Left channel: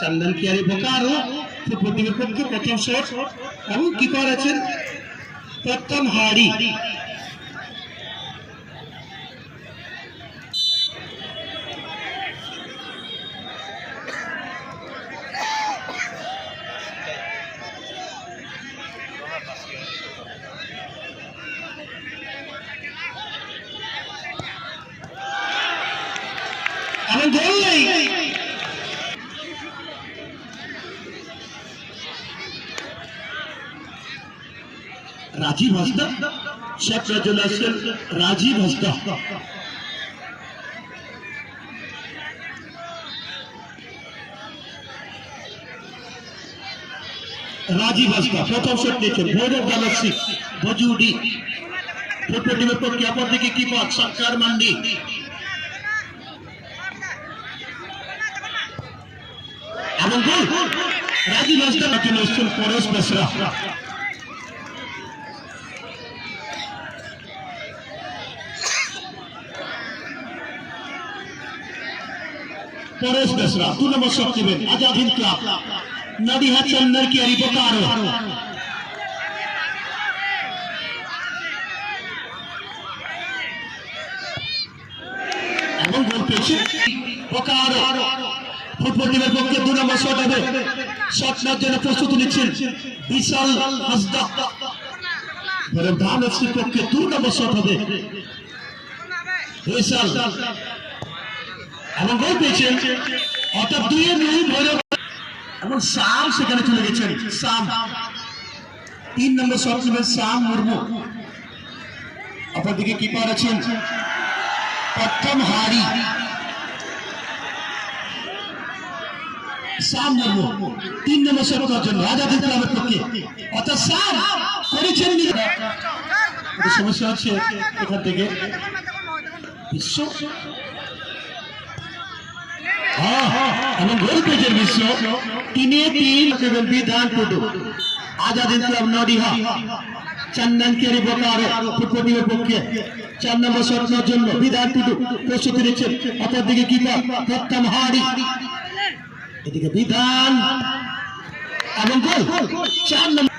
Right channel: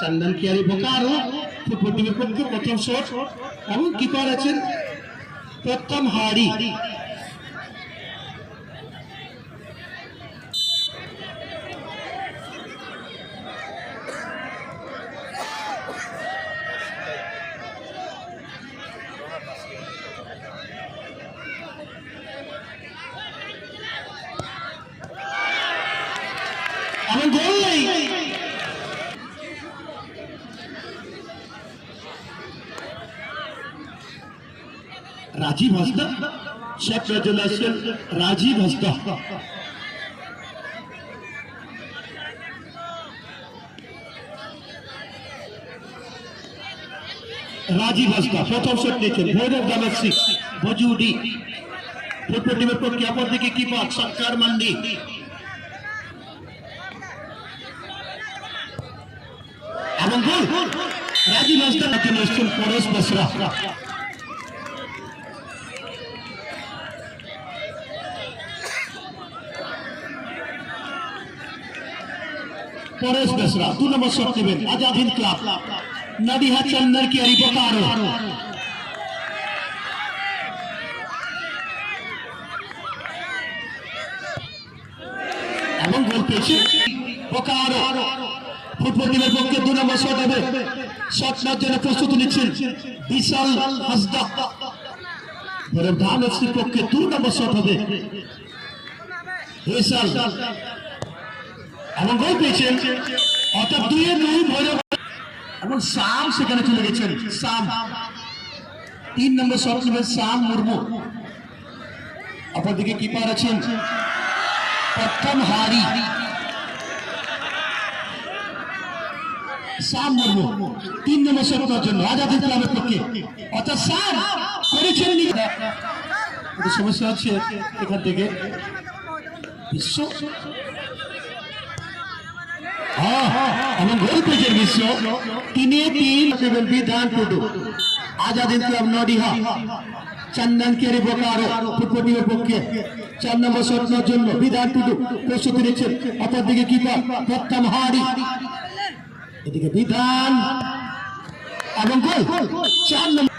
चंदन Kiyari Bokaro football पक्षे प्रथम shot এবং কিপার আছেন প্রথম হাড়ি এবং গোল राजीव हंसदा शॉट रेजुलेशन राजीव हंसदा राजीव हंसदा प्रथम शॉट लेছেন ভৈরব গ্যালাক্সি বজুডি ফুটবলের পক্ষে অপরদিকে কিপার সরকার মান্ডি এবং goal Rajib Hansda national Paresh Besra Paresh Besra 2 number shot Diben Azad Hind club Nadia Chandan Kiyari Bokaro এবং গোল পেয়েছে बोकारो ফুটবল টিমের পক্ষে 2 নম্বর শট হবে শট নেওয়ার জন্য প্রস্তুতি নিচ্ছেন বিশাল হাসদা ধান এফসি পক্ষে 2 নম্বর শট হবে বিশাল এবং গোল পেয়েছেন অর্থাৎ 2-2 ভৈরব এবং শাম সেখানে চলে গেছেন শাম 3 নম্বর শট নেবেন শাম মুর্মু অপরদিকে কিপার আছেন প্রথম হাড়ি শাম মুর্মু 3 নম্বর শট করার জন্য আজাদ ক্লাবের পক্ষে অর্থাৎ শাম করেছেন সমস্যা হচ্ছে এখান থেকে বিশ্ব गोल पेजर विश्व 3-3 विधान टुडू आजाद क्लब नडिया चंदन कियारी बोकारो फुटबल पक्षे 4 नम्बर शॉटेर জন্য विधान टुडू प्रस्तुति নিচ্ছেন অপরদিকে কিপার প্রথম হাড়ি এদিকে বিধান এবং গোল 4 নম্বর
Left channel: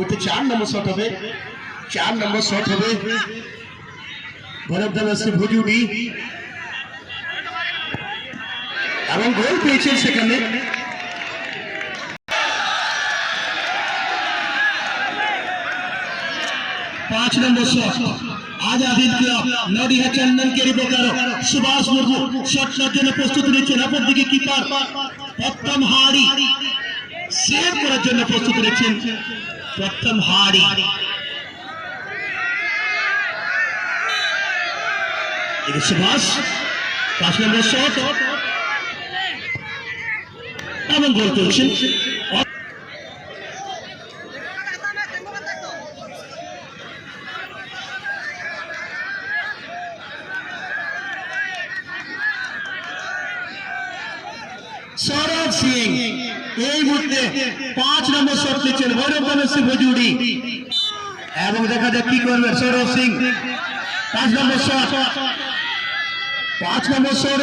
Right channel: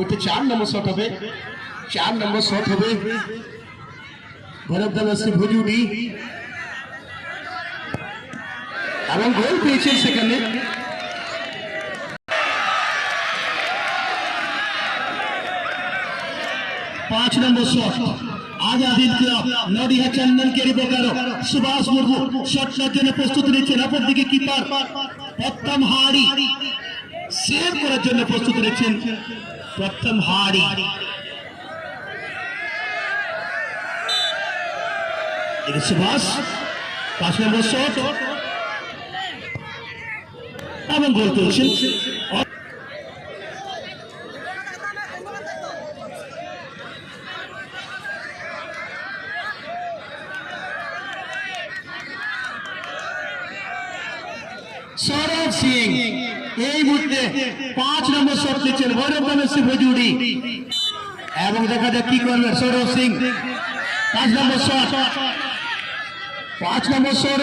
ওতে 4 নম্বর শট হবে 4 নম্বর শট হবে ভৈরব গ্যালাক্সি ভুজুডি এবং গোল পেয়েছেন সেখানে 5 নম্বর শট আজাদ হিন্দ ক্লাব নডিয়া চন্দন কিয়ারি बोकारो সুভাষ মুর্মু শট নেওয়ার জন্য প্রস্তুতি নিচ্ছেন অপরদিকে কিপার প্রথম হাড়ি সেভ করার জন্য প্রস্তুতি নিচ্ছেন প্রথম হাড়ি सुभाष 5 नम्बर शॉट এবং গোল করেছেন সৌরভ সিং এই মুহূর্তে 5 নম্বর শট নিচ্ছেন ভৈরব গ্যালাক্সি ভুজুডি এবং দেখা যাক কি করবেন সৌরভ সিং 5 নম্বর শট 5 নম্বর শট